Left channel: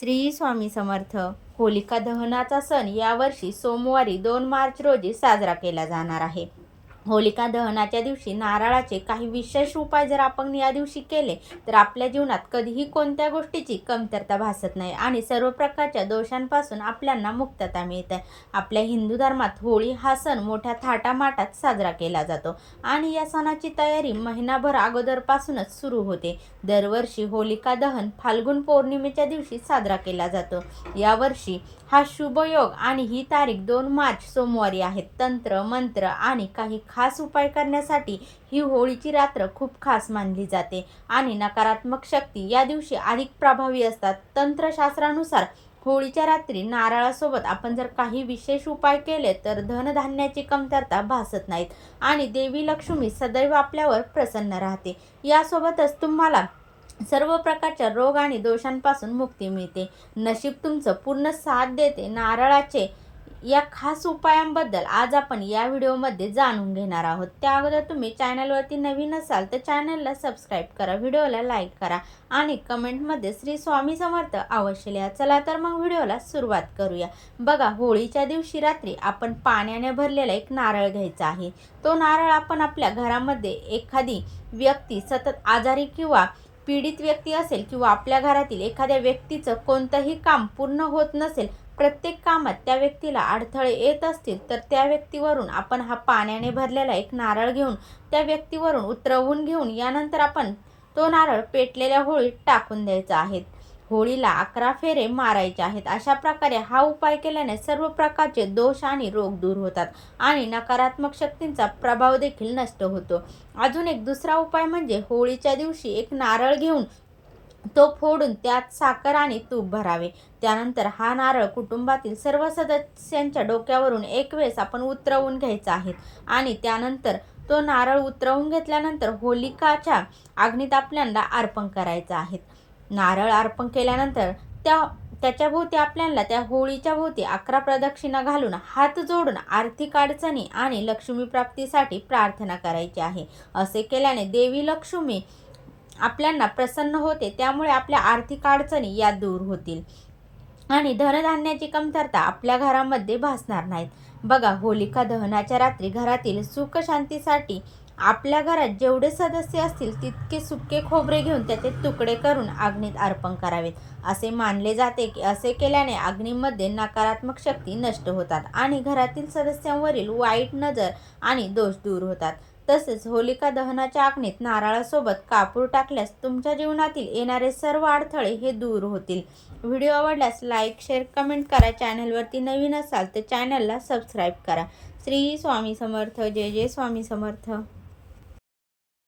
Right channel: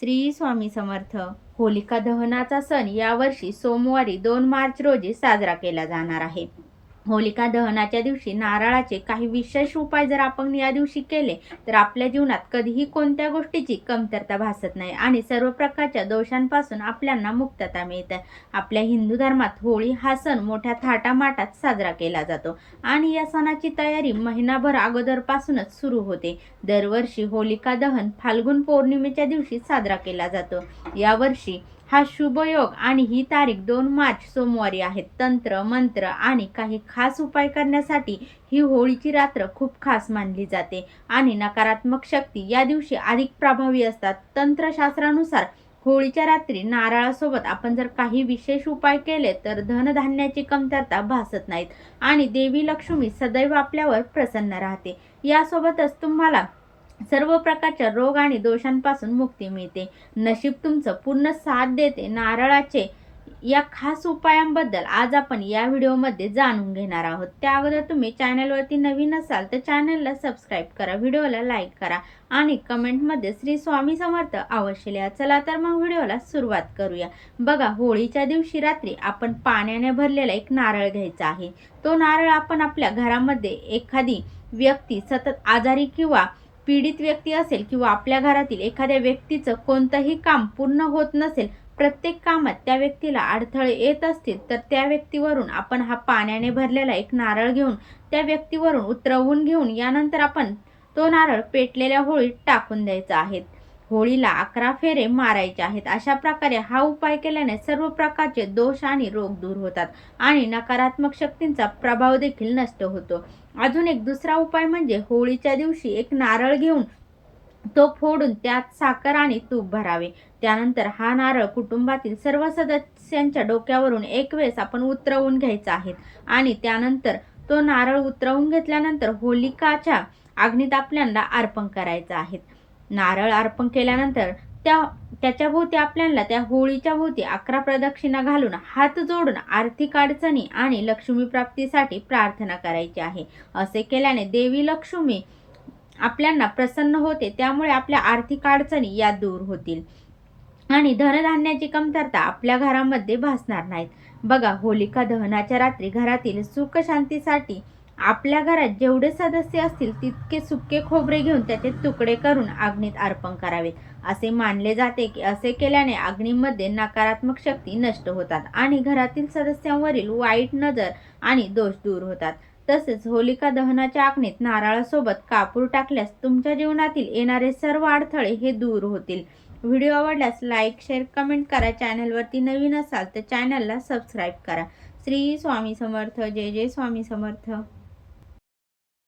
श्री स्वामी समर्थ. होलिका दहनाचा सण यावर्षी सोमवारी 2 मार्च रोजी साजरा केला जाणार आहे. होलिका दहनाच्या दिवशी नारळाचे काही विशेष उपाय जर आपण या दिवशी केले तर आपल्या जीवनात कधीही कोणत्या गोष्टीची कमतरता भासत नाही आणि सर्व प्रकारच्या दोषांपासून आपल्याला मुक्तता मिळते. आपल्या हिंदू धर्मात होळी हा सण मोठ्या थाटामाटात साजरा केला जातो आणि या सणाची तयारी महिनाभर अगोदरपासूनच सुरू होते. दरवर्षी होलिका दहन फाल्गुन पौर्णिमेच्या दिवशी साजरा केला जातो. यावर्षी हा शुभ योग आणि ही तारीख 2 मार्च सोमवारी आहे. तंत्र मंत्र आणि काही खास उपाय करण्यासाठी ही होळीची रात्र खूप खास मानली जाते आणि नकारात्मक शक्ती या दिवशी अधिक प्रभावी असतात. तंत्रशास्त्रानुसार होळीच्या रात्री नारळासोबत आपण जर काही विशेष उपाय केले तर धनधान्याची कमतरता भासत नाहीत आणि देवी लक्ष्मी सदैव आपल्यावर प्रसन्न राहते. यासोबतच तुम्हाला सर्व प्रकारच्या रोग आणि दोषांपासून मुक्ती मिळते. नशीब तुमचं पूर्ण साथ देते. नारळाचे या खास उपायांबद्दल आज आपण या व्हिडिओमध्ये जाणून घेणार आहोत. त्या अगोदर तुम्ही चॅनलवरती नवीन असाल तर चॅनलला सबस्क्राईब करा, व्हिडिओला लाईक करा आणि कमेंटमध्ये श्री स्वामी समर्थ अवश्य लिहा. चला तर मग व्हिडिओला सुरुवात करूया. बघा, होळीच्या दिवशी रात्री आपण पाण्याने भरलेला एक नारळ घ्यायचा आहे. तो नारळ आपण आपल्या घरामध्ये एखादी व्यक्ती सतत आजारी किंवा पीडित व्यक्ती असेल किंवा आपल्या घरातील एखाद्या व्यक्तीचं कोणतंही काम पूर्ण होत नसेल, प्रत्येक कामात त्या व्यक्तीला अडथळे येत असतील तर त्या व्यक्तीवरून आपण हा पाण्याने भरलेला एक नारळ घेऊन त्या व्यक्तीवरून उतरवून घेऊन यानंतर आपण तो नारळ पेटलेल्या होळीत टाकून द्यायचा आहे. होळीला 11 फेरे मारायचे आहेत. अशा प्रकारे हा उपाय केल्याने सर्व प्रकारचे दोष आणि रोग दूर होतात आणि नकारात्मक शक्तींचा प्रभाव देखील नष्ट होतो. अजून एक दुसरा उपाय म्हणजे होळीच्या दिवशी एक नारळ घेऊन तो फोडून त्यात साखर आणि तूप भरावे. त्यानंतर हा नारळ कुटुंबातील सर्व सदस्यांच्या डोक्यावरून एक वेळेस आपण उतरवून घ्यायचा आहे आणि त्यानंतर तो नारळ उतरवून घेतल्यानंतर होलिकाच्या अग्नीत आपल्याला अर्पण करायचं आहे. नारळ अर्पण केल्यानंतर त्याच्या भोवती आपल्याला त्या होळीच्या भोवती 11 प्रदक्षिणा घालून हात जोडून आर्थिक अडचणी आणि लक्ष्मी प्राप्तीसाठी प्रार्थना करायची आहे. असे केल्याने देवी लक्ष्मी आपल्याला प्रसन्न होते, त्यामुळे आपल्या आर्थिक अडचणी या दूर होतील आणि धनधान्याची कमतरता आपल्या घरामध्ये भासणार नाहीत. बघा, होलिका दहनाच्या रात्री घरातील सुख शांतीसाठी आपल्या घरात जेवढे सदस्य असतील तितके सुके खोबरे घेऊन त्याचे तुकडे करून अग्नीत अर्पण करावेत. असे मानले जाते की असे केल्याने अग्नीमध्ये नकारात्मक शक्ती नष्ट होतात आणि घरातील सदस्यांवरील वाईट नजर आणि दोष दूर होतात. तसेच होलिका दहनाच्या अग्नीत नारळासोबत कापूर टाकल्यास तुमच्या जीवनातील येणारे सर्व अडथळे हे दूर होतील. व्हिडिओ आवडल्यास लाईक, शेअर, कमेंट करा. चॅनलवरती नवीन असाल तर चॅनलला सबस्क्राईब करा. श्री स्वामी समर्थ. जय जय स्वामी समर्थ.